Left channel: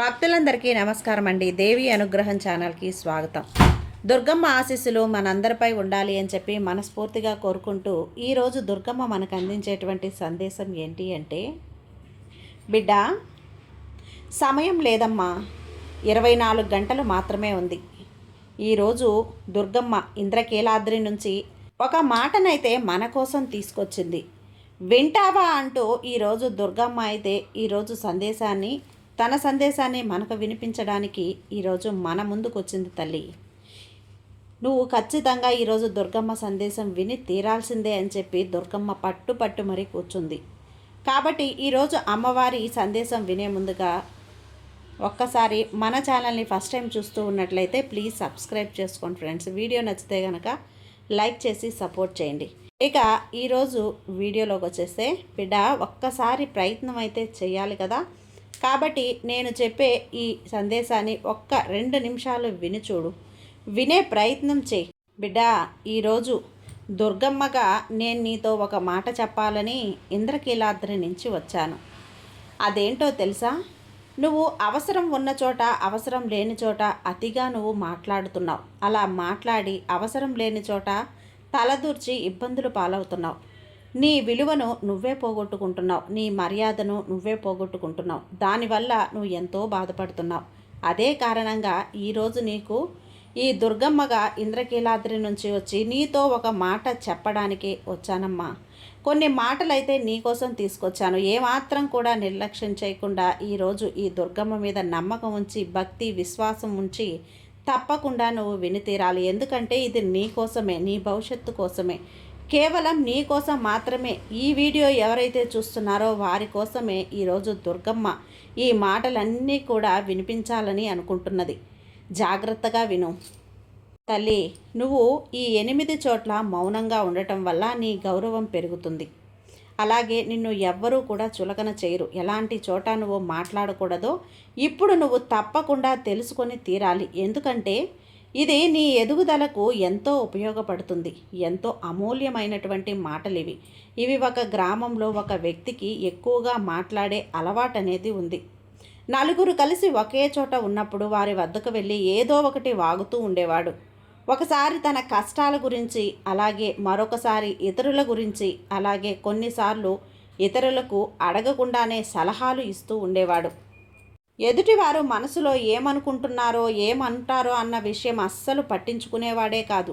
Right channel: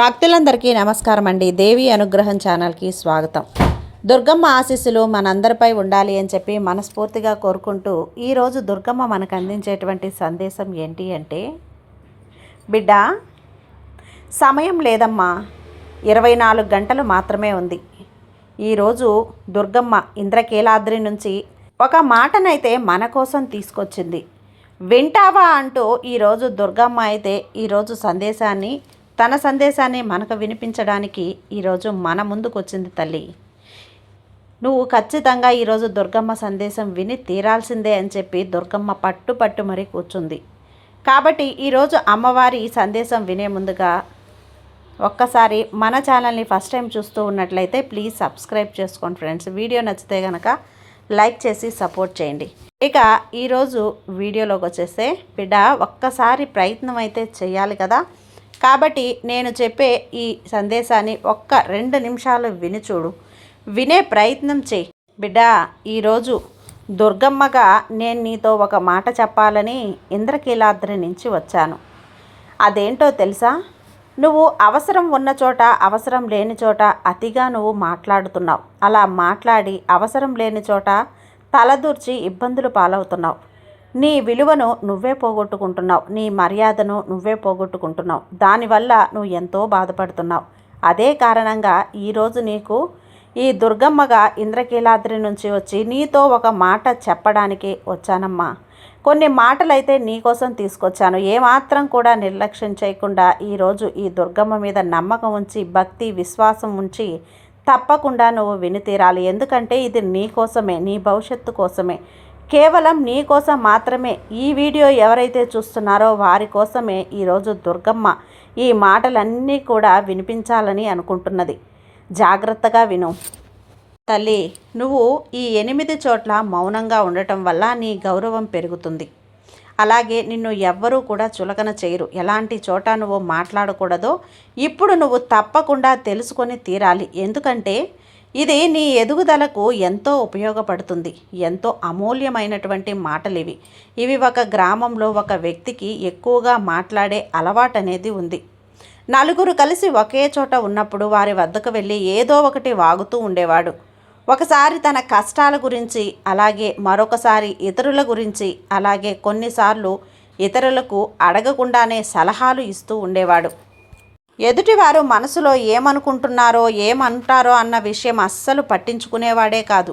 భక్తులందరికీ నమస్కారం అండి. దేవి అనుగ్రహం ఛానల్కి స్వాగతం. దుర్గమ్మ ఆశీస్సులు మనందరిపై ఉండాలి అని చెప్పి మనస్ఫూర్తిగా కోరుకుంటూ ఈరోజు దుర్గమ్మ మనకు అందించేటువంటి సందేశం ఏంటి అంటే, బిడ్డ సమయం లేదమ్మా, 24 గంటలు మాత్రమే ఉంది. ఈరోజు దుర్గమ్మ ఇంద్రకీలాద్రి నుంచి ఒక మాటనైతే మన కోసం తీసుకొచ్చింది. వింటావా అంటూ ఈరోజు దుర్గమ్మ అయితే ఈరోజు తన సందేశాన్ని మనకు వినిపించడానికి ఈరోజు మన ముందుకు వచ్చింది. తల్లి, నువ్వు ఖచ్చితంగా ఈరోజు దుర్గమ్మ సందేశం విని తీరాల్సిందే అని చెప్పి దుర్గమ్మ పట్టు మరీ కూర్చుంది. కాబట్టి ఈరోజు అమ్మవారి సందేశం వినే ముందుగా ఒక్కసారి మన ఛానల్ని ఫస్ట్ టైం చూస్తూ ఉన్నట్లయితే ప్లీజ్ సబ్స్క్రైబ్ చేసుకోండి ఫ్రెండ్స్. వీడియో నచ్చితే కనుక లైక్ చేసి సపోర్ట్ చేయండి. ఇక ఈరోజు వీడియోలోకి వచ్చేస్తే, బిడ్డ ఒక్కసారి ప్రయత్నం అయితే చేయాలి కదా. కాబట్టి నేను చెప్పే ఈ సందేశాన్ని 2 నిమిషాలు విని చూడు, వినే ప్రయత్నం చేయి. బిడ్డ, ఈరోజు దుర్గమ్మగా నేను నీతో ఒక మాట చెప్పాలని ఇంద్రకీలాద్రి నుంచి వచ్చాను. అదేంటో తెలుసా? నువ్వు అవసరం ఉన్న చోట, అవసరం లేని చోట అతిగా నువ్వు మాట్లాడుతున్నావు. అలా మాట్లాడి అవసరం లేని చోట తలదూర్చి ఇబ్బందులు పాలవుతున్నావు. నీ విలువను నువ్వే పోగొట్టుకుంటున్నావు, నీ మర్యాదను నువ్వే పోగొట్టుకుంటున్నావు. దానివల్ల నువ్వు ఎంతో బాధపడుతున్నావు. అదే కారణంగా ఈరోజు నీకు ఈ దుర్గమ్మగా ఇంద్రకీలాద్రి నుంచి వచ్చి నీతో ఒక మాట చెప్పడానికి వచ్చానమ్మా. కొన్ని మాటలైతే నీకోసం తీసుకొచ్చాను. ఏమాత్రం కూడా నిర్లక్ష్యం చేయకుండా ఈరోజు ఈ దుర్గమ్మ మీద నమ్మకం ఉంచి, భక్తి విశ్వాసం ఉంచి తప్పకుండా నువ్వు విని తీరాలి. ఎందుకంటే ఇది నీ కోసమే, నీ భవిష్యత్తు కోసమే, కేవలం నీ కోసం మాత్రమే. ఈ వీడియో ఎవరైతే చూస్తున్నారో వారి కోసమే ఈరోజు దుర్గమ్మ ఈ మాటలన్నీ కూడా వినిపించాలని అనుకుంటున్నది. జాగ్రత్తగా విను తల్లి. నువ్వు ఈ 8 చోట్ల మౌనంగా ఉండటం వల్ల నీ గౌరవం పెరుగుతుంది. అలాగే నిన్ను ఎవ్వరూ కూడా చులకన చేయరు. ఎలాంటి చోట నువ్వు మాట్లాడకూడదో ఇప్పుడు నువ్వు తప్పకుండా తెలుసుకొని తీరాలి. ఎందుకంటే ఇది నీ ఎదుగుదలకు ఎంతో ఉపయోగపడుతుంది. ఎంతో అమూల్యమైనటువంటి మాటలు ఇవి ఒక గ్రామంలో ఒక వ్యక్తికి ఎక్కువగా మాట్లాడే అలవాటు అనేది ఉంది. నలుగురు కలిసి ఒకే చోట ఉన్నప్పుడు వారి వద్దకు వెళ్ళి ఏదో ఒకటి వాగుతూ ఉండేవాడు. ఒకసారి తన కష్టాల గురించి, అలాగే మరొకసారి ఇతరుల గురించి, అలాగే కొన్నిసార్లు ఇతరులకు అడగకుండానే సలహాలు ఇస్తూ ఉండేవాడు. ఎదుటివారు మనసులో ఏమనుకుంటున్నారో, ఏమంటారో అన్న విషయం అస్సలు పట్టించుకునేవాడే కాదు.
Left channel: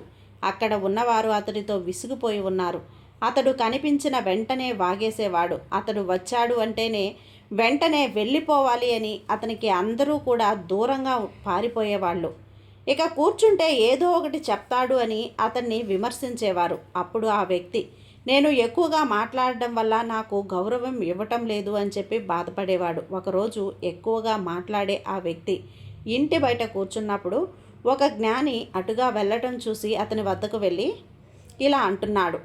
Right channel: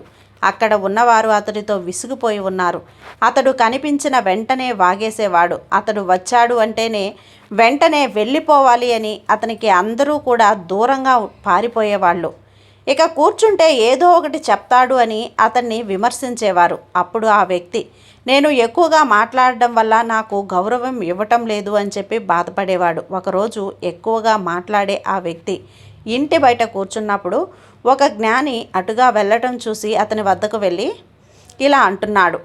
అక్కడ ఉన్నవారు అతడితో విసిగిపోయి ఉన్నారు. అతడు కనిపించిన వెంటనే వాగేసేవాడు. అతడు వచ్చాడు అంటేనే వెంటనే వెళ్ళిపోవాలి అని అతనికి అందరూ కూడా దూరంగా పారిపోయేవాళ్ళు. ఇక కూర్చుంటే ఏదో ఒకటి చెప్తాడు అని అతన్ని విమర్శించేవారు. అప్పుడు ఆ వ్యక్తి, నేను ఎక్కువగా మాట్లాడడం వల్ల నాకు గౌరవం ఇవ్వటం లేదు అని చెప్పి బాధపడేవాడు. ఒకరోజు ఎక్కువగా మాట్లాడే ఆ వ్యక్తి ఇంటి బయట కూర్చున్నప్పుడు ఒక జ్ఞాని అటుగా వెళ్ళటం చూసి అతని వద్దకు వెళ్ళి ఇలా అంటున్నాడు,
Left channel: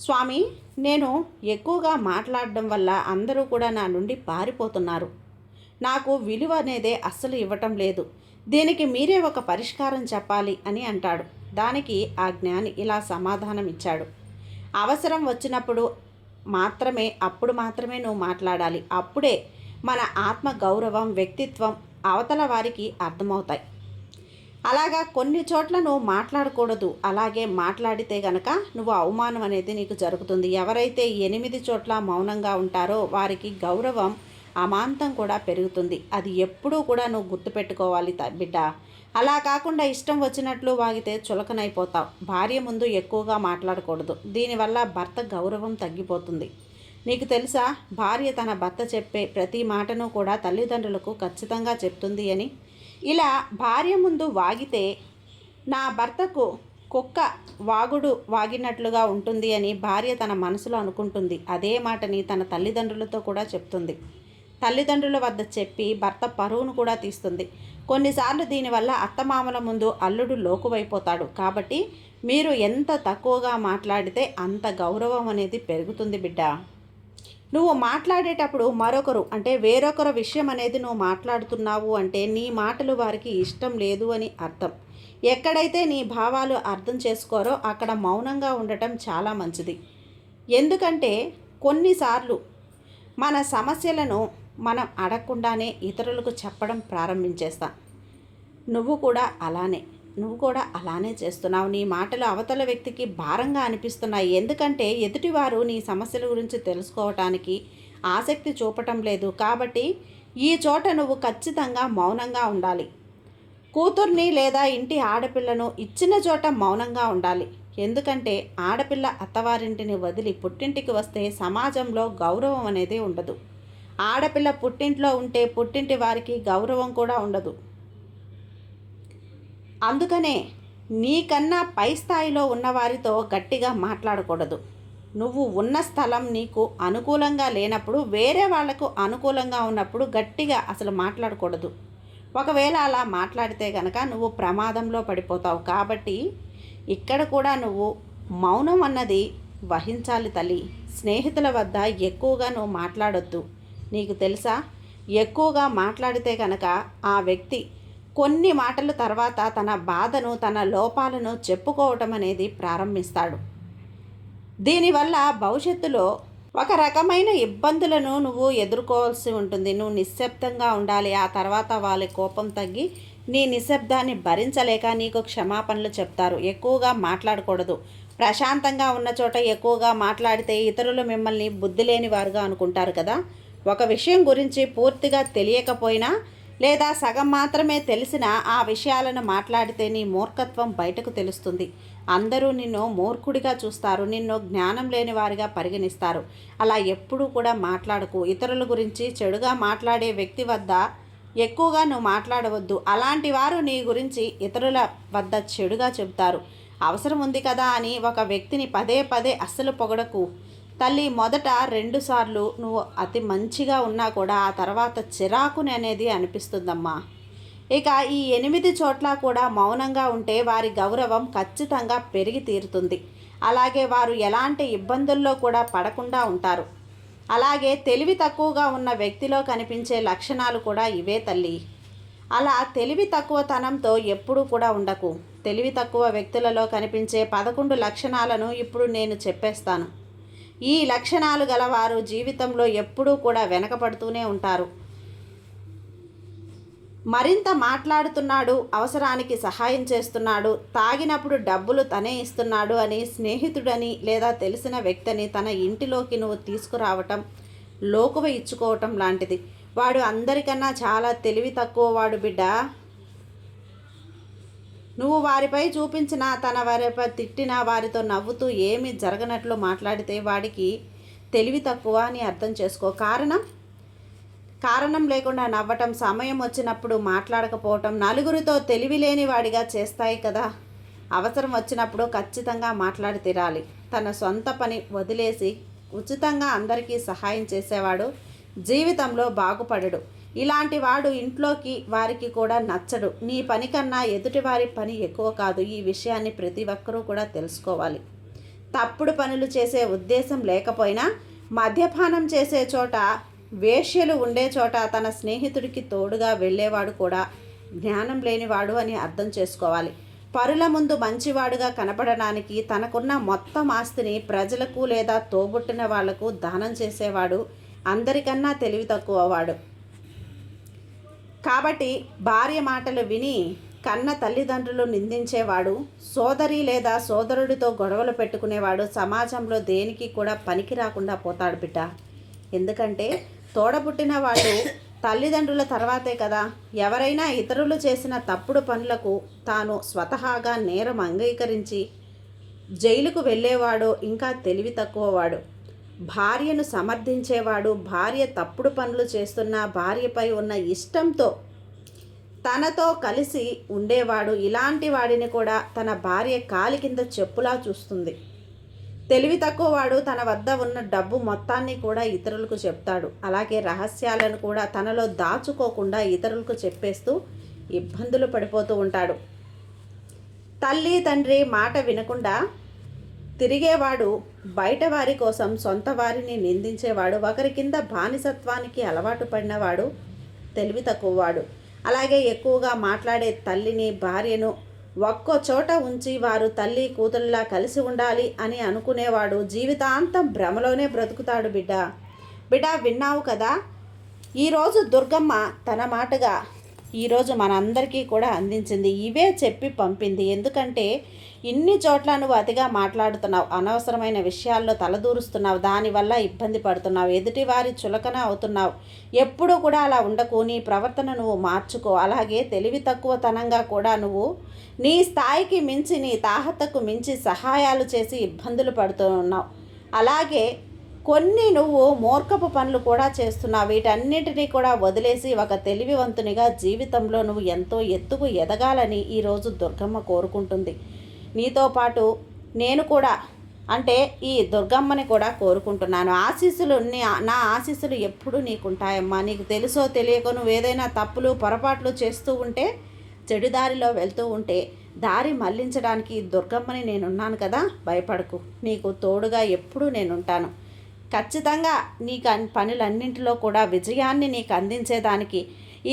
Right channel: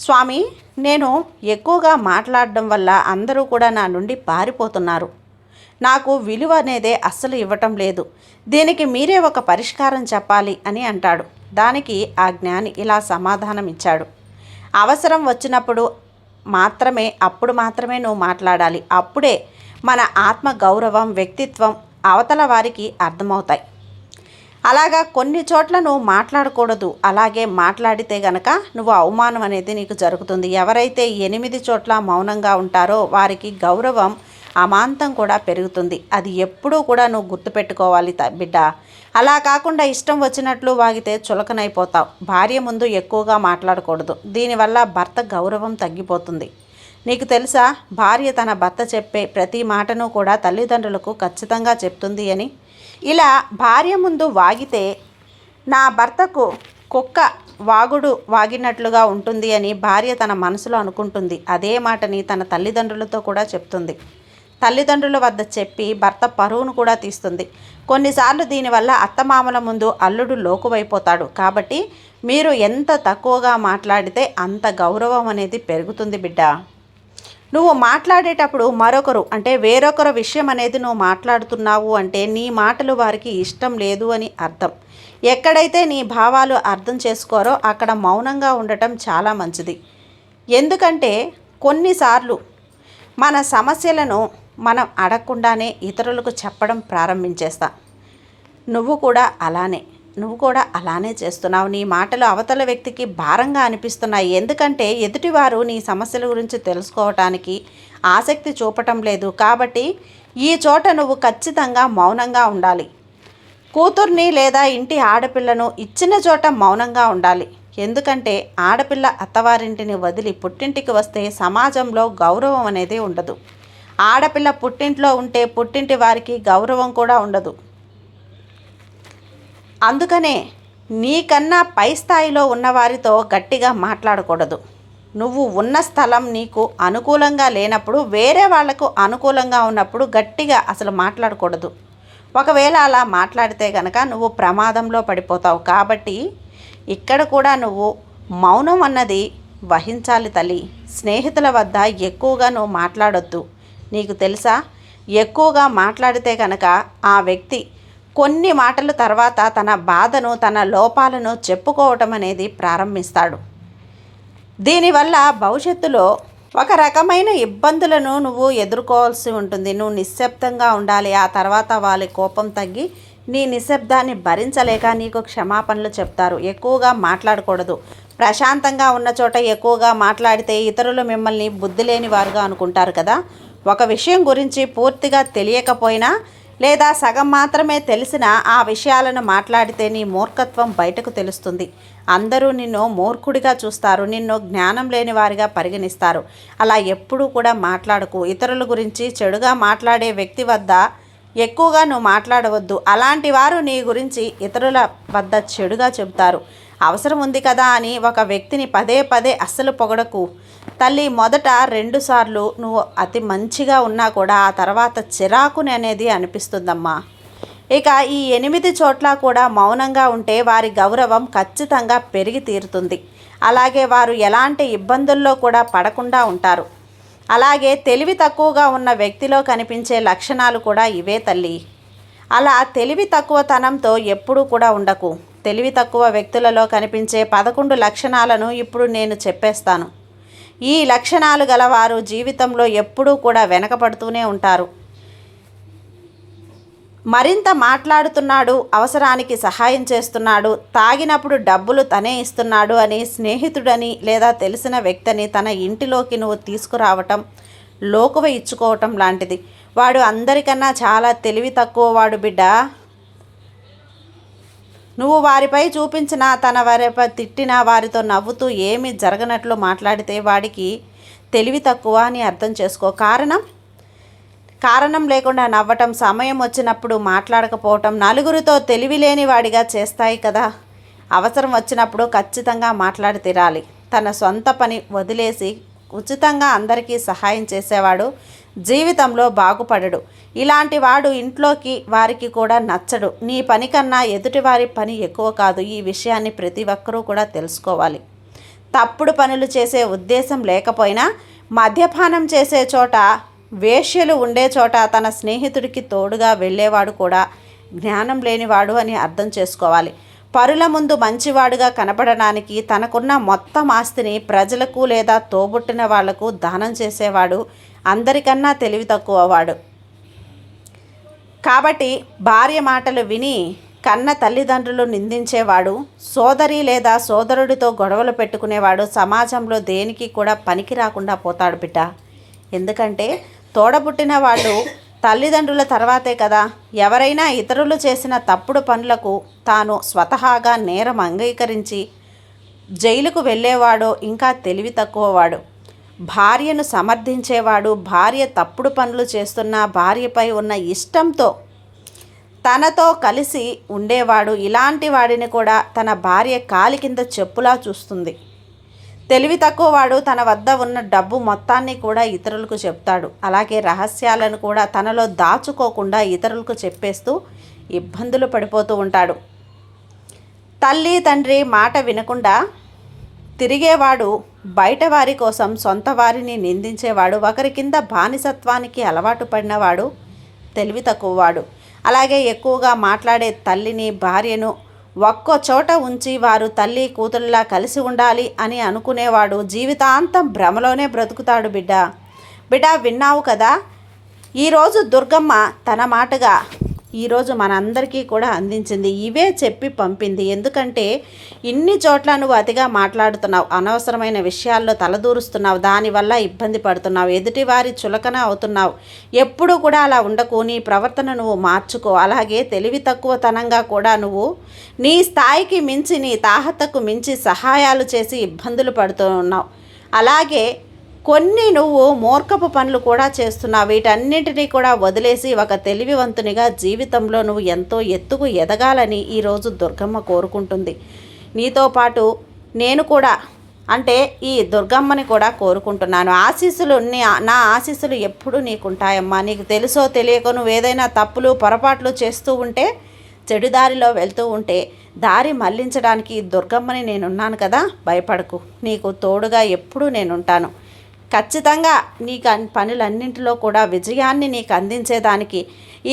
స్వామి, నేను ఎక్కువగా మాట్లాడడం వల్ల అందరూ కూడా నా నుండి పారిపోతున్నారు. నాకు విలువ అనేదే అస్సలు ఇవ్వటం లేదు. దీనికి మీరే ఒక పరిష్కారం చెప్పాలి అని అంటాడు. దానికి ఆ జ్ఞాని ఇలా సమాధానం ఇచ్చాడు, అవసరం వచ్చినప్పుడు అప్పుడు మాత్రమే నువ్వు మాట్లాడాలి. అప్పుడే మన ఆత్మ గౌరవం, వ్యక్తిత్వం అవతల వారికి అర్థమవుతాయి. అలాగా కొన్ని చోట్ల నువ్వు మాట్లాడకూడదు. అలాగే మాట్లాడితే గనక నువ్వు అవమానం అనేది నీకు జరుగుతుంది. ఎవరైతే 8 చోట్ల మౌనంగా ఉంటారో వారికి గౌరవం అమాంతం కూడా పెరుగుతుంది. అది ఎప్పుడూ కూడా నువ్వు గుర్తుపెట్టుకోవాలి బిడ్డ. అలా కాకుండా ఇష్టం వచ్చినట్లు వాగితే చులకనైపోతావు. భార్య ముందు ఎక్కువగా మాట్లాడకూడదు. దీనివల్ల భర్త గౌరవం తగ్గిపోతుంది. నీకు తెలుసా, భార్య తన భర్త చెప్పే ప్రతి మాటను కూడా తల్లిదండ్రులకు ఖచ్చితంగా చెప్తుంది అని. ఇలా భార్య ముందు వాగితే నా భర్తకు కుక్క వాగినట్లుగా ఉంటుంది అని భార్య తన మనసులో అనుకుంటుంది. అదే మాటని తన తల్లిదండ్రులతో కూడా చెప్తుంది. తల్లిదండ్రుల వద్ద చెప్పి భర్త పరువును కూడా తీస్తుంది. కొన్నిసార్లు దీనివల్ల అత్తమామల ముందు అల్లుడు లోకువైపోతాడు. కాబట్టి మీరు ఎంత తక్కువగా మాట్లాడితే అంత గౌరవం అనేది పెరుగుతుంది బిడ్డ. నువ్వు మాట్లాడేటప్పుడు వేరొకరు విషయం అనేది నువ్వు మాట్లాడుతున్నావు అంటే నీ మాటలు వారికి ఇష్టం లేదు అని అర్థం. ఎక్కడైతే నీ భావాలు అర్థం చేసుకోరో అక్కడ మౌనంగా ఉండటం చాలా మంచిది. ఎందుకంటే కొన్నిసార్లు మన సమస్యలను మనం అడగకుండానే ఇతరులకు చెప్పడం ప్రారంభించేస్తాం. నువ్వు కూడా అలానే చేస్తున్నావు. నీ మాటలు అవతల వ్యక్తికి భారంగా అనిపిస్తున్నాయి. ఎందుకంటే ఎదుటివారు నీ సమస్యల గురించి తెలుసుకోవటానికి ఆసక్తి చూపటం లేదు. కాబట్టి ఈ చోట నువ్వు ఖచ్చితంగా మౌనంగా ఉండాలి. కూతుర్ని లేదా ఇంటి ఆడపిల్లను ఇచ్చిన చోట మౌనంగా ఉండాలి. ఎందుకంటే ఆడపిల్ల అత్తవారింటిని వదిలి పుట్టింటికి వస్తే సమాజంలో గౌరవం అనేది ఉండదు. ఆడపిల్ల పుట్టింట్లో ఉంటే పుట్టింటి వారికి గౌరవం కూడా ఉండదు. అందుకనే నీకన్నా పై స్థాయిలో ఉన్నవారితో గట్టిగా మాట్లాడకూడదు. నువ్వు ఉన్న స్థలం నీకు అనుకూలంగా లేనప్పుడు, వేరే వాళ్లకు అనుకూలంగా ఉన్నప్పుడు గట్టిగా అసలు మాట్లాడకూడదు. ఒకవేళ అలా మాట్లాడితే కనుక నువ్వు ప్రమాదంలో పడిపోతావు. కాబట్టి ఇక్కడ కూడా నువ్వు మౌనం అన్నది వహించాలి తల్లి. స్నేహితుల వద్ద ఎక్కువగా నువ్వు మాట్లాడొద్దు. నీకు తెలుసా, ఎక్కువగా మాట్లాడితే కనుక ఆ వ్యక్తి కొన్ని మాటల తర్వాత తన బాధను, తన లోపాలను చెప్పుకోవటం అనేది ప్రారంభిస్తాడు. దీనివల్ల భవిష్యత్తులో ఒక రకమైన ఇబ్బందులను నువ్వు ఎదుర్కోవాల్సి ఉంటుంది. నువ్వు నిశ్శబ్దంగా ఉండాలి. ఆ తర్వాత వాళ్ళ కోపం తగ్గి నీ నిశ్శబ్దాన్ని భరించలేక నీకు క్షమాపణలు చెప్తారు. ఎక్కువగా మాట్లాడకూడదు. ప్రశాంతంగా ఉన్న చోట ఎక్కువగా మాట్లాడితే ఇతరులు మిమ్మల్ని బుద్ధి లేని వారుగా అనుకుంటారు కదా. ఒక విషయం గురించి పూర్తిగా తెలియకపోయినా లేదా సగం మాత్రమే తెలిసినా ఆ విషయాలను మాట్లాడితే నీ మూర్ఖత్వం బయటకు తెలుస్తుంది. అందరూ నిన్ను మూర్ఖుడిగా చూస్తారు, నిన్ను జ్ఞానం లేని వారిగా పరిగణిస్తారు. అలా ఎప్పుడూ కూడా మాట్లాడకు. ఇతరుల గురించి చెడుగా మాట్లాడే వ్యక్తి వద్ద ఎక్కువగా నువ్వు మాట్లాడవద్దు. అలాంటి వారు నీ గురించి ఇతరుల వద్ద చెడుగా చెబుతారు. అవసరం ఉంది కదా అని ఒక వ్యక్తిని పదే పదే అస్సలు పొగడకు తల్లి. మొదట 2 సార్లు నువ్వు అతి మంచిగా ఉన్నా కూడా ఆ తర్వాత చిరాకుని అనేది అనిపిస్తుందమ్మా. ఇక ఈ 8 చోట్ల కూడా మౌనంగా ఉంటే వారి గౌరవం ఖచ్చితంగా పెరిగి తీరుతుంది. అలాగే వారు ఎలాంటి ఇబ్బందుల్లో కూడా పడకుండా ఉంటారు. అలాగే తెలివి తక్కువగా ఉన్న వ్యక్తిలో కనిపించే లక్షణాలు కూడా ఇవే తల్లి. అలా తెలివి తక్కువతనంతో ఎప్పుడూ కూడా ఉండకు. తెలివి తక్కువ వ్యక్తులలో కనిపించే 11 లక్షణాలను ఇప్పుడు నేను చెప్పేస్తాను. ఈ లక్షణాలు గలవారు జీవితంలో ఎప్పుడూ కూడా వెనకపడుతూనే ఉంటారు. మరింత మాట్లాడుతున్నాడు, అవసరానికి సహాయం చేస్తున్నాడు, తాగినప్పుడు డబ్బులు తనే ఇస్తున్నాడు అని స్నేహితుడని లేదా తెలిసిన వ్యక్తిని తన ఇంటిలోకి నువ్వు తీసుకురావటం లోకువ ఇచ్చుకోవటం లాంటిది. వాడు అందరికన్నా చాలా తెలివి తక్కువ వాడు బిడ్డ. నువ్వు వారిపై చూపించిన, తన వారిపై తిట్టిన, వారితో నవ్వుతూ ఏమీ జరగనట్లు మాట్లాడితే వాడికి తెలివి తక్కువ అని అర్థం చేసుకో. కారణం లేకుండా నవ్వటం, సమయం వచ్చినప్పుడు మాట్లాడకపోవటం నలుగురితో తెలివి లేని వాడిగా చేస్తాయి కదా. అవసరం వచ్చినప్పుడు ఖచ్చితంగా మాట్లాడి తీరాలి. తన సొంత పని వదిలేసి ఉచితంగా అందరికీ సహాయం చేసేవాడు జీవితంలో బాగుపడడు. ఇలాంటి వాడు ఇంట్లోకి వారికి కూడా నచ్చడు. నీ పని కన్నా ఎదుటివారి పని ఎక్కువ కాదు. ఈ విషయాన్ని ప్రతి ఒక్కరూ కూడా తెలుసుకోవాలి. తప్పుడు పనులు చేసే ఉద్దేశం లేకపోయినా మద్యపానం చేసే చోట, వేశ్యలు ఉండే చోట తన స్నేహితుడికి తోడుగా వెళ్ళేవాడు కూడా జ్ఞానం లేనివాడు అని అర్థం చేసుకోవాలి. పరుల ముందు మంచివాడుగా కనపడడానికి తనకున్న మొత్తం ఆస్తిని ప్రజలకు లేదా తోబుట్టిన వాళ్లకు దానం చేసేవాడు అందరికన్నా తెలివి తక్కువవాడు. కాబట్టి భార్య మాటలు విని కన్న తల్లిదండ్రులు నిందించేవాడు, సోదరి లేదా సోదరుడితో గొడవలు పెట్టుకునేవాడు సమాజంలో దేనికి కూడా పనికి రాకుండా పోతాడు బిడ్డ. ఎందుకంటే తోడబుట్టిన వాళ్ళు తల్లిదండ్రుల తర్వాతే కదా. ఎవరైనా ఇతరులు చేసిన తప్పుడు పనులకు తాను స్వతహాగా నేరం అంగీకరించి జైలుకు వెళ్ళేవాడో ఇంకా తెలివి తక్కువవాడు. భార్యను సమర్థించేవాడు, భార్య తప్పుడు పనులు చేస్తున్న భార్యపై ఉన్న ఇష్టంతో తనతో కలిసి ఉండేవాడు. ఇలాంటి వాడిని కూడా తన భార్య కాలి కింద చెప్పులా చూస్తుంది. తెలివి తక్కువ వాడు తన వద్ద ఉన్న డబ్బు మొత్తాన్ని కూడా ఇతరులకు చెప్తాడు. అలాగే రహస్యాలను కూడా తనలో దాచుకోకుండా ఇతరులకు చెప్పేస్తూ ఇబ్బందులు పడిపోతూ ఉంటాడు. తల్లి తండ్రి మాట వినకుండా తిరిగేవాడు, బయట వారి కోసం సొంత వారిని నిందించేవాడు, ఒకరి కింద బానిసత్వానికి అలవాటు పడినవాడు తెలివి తక్కువవాడు. అలాగే ఎక్కువగా మాట్లాడే తల్లిని, భార్యను ఒక్కో చోట ఉంచి వారు తల్లి కూతురులా కలిసి ఉండాలి అని అనుకునేవాడు జీవితాంతం భ్రమలోనే బ్రతుకుతాడు బిడ్డ. విన్నావు కదా. ఈరోజు దుర్గమ్మ తన మాటగా ఈరోజు మనందరికీ కూడా అందించింది. ఇవే చెప్పి పంపింది. ఎందుకంటే ఇన్ని చోట్ల నువ్వు అతిగా మాట్లాడుతున్నావు, అనవసరమైన విషయాల్లో తలదూరుస్తున్నావు, దానివల్ల ఇబ్బంది పడుతున్నావు, ఎదుటివారి చులకన అవుతున్నావు. ఎప్పుడు కూడా అలా ఉండకు, నీ ప్రవర్తన నువ్వు మార్చుకో. అలాగే తెలివి తక్కువతనంగా కూడా నువ్వు నీ స్థాయికి మించి, నీ తాహతకు మించి సహాయాలు చేసి ఇబ్బందులు పడుతూ ఉన్నావు. అలాగే కొన్ని నువ్వు మూర్ఖపు పనులు కూడా చేస్తున్నావు. వీటన్నిటినీ కూడా వదిలేసి ఒక తెలివివంతునిగా జీవితంలో నువ్వు ఎంతో ఎత్తుకు ఎదగాలని ఈరోజు దుర్గమ్మ కోరుకుంటుంది. నీతో పాటు నేను కూడా, అంటే ఈ దుర్గమ్మని కూడా కోరుకుంటున్నాను. నా ఆశీస్సులు ఎప్పుడూ నీకుంటాయమ్మా. నీకు తెలుసో తెలియకో నువ్వు ఏదైనా తప్పులు పొరపాట్లు చేస్తూ ఉంటే, చెడు దారిలో వెళ్తూ ఉంటే దారి మళ్లించడానికి దుర్గమ్మని నేనున్నాను కదా, భయపడకు. నీకు తోడుగా ఎప్పుడూ నేనుంటాను. ఖచ్చితంగా నీకు పనులన్నింటిలో కూడా విజయాన్ని నీకు అందించేదానికి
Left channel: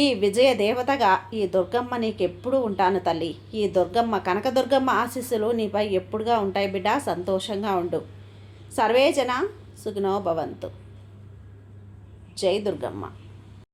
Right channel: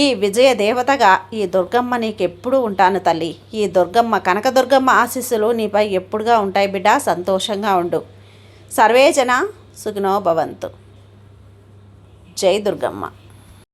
ఈ విజయ దేవతగా ఈ దుర్గమ్మ నీకు ఎప్పుడూ ఉంటాను తల్లి. ఈ దుర్గమ్మ, కనకదుర్గమ్మ ఆశీస్సులు నీపై ఎప్పుడుగా ఉంటాయి బిడ్డ. సంతోషంగా ఉండు. సర్వేజన సుఖినో భవంతు. జై దుర్గమ్మ.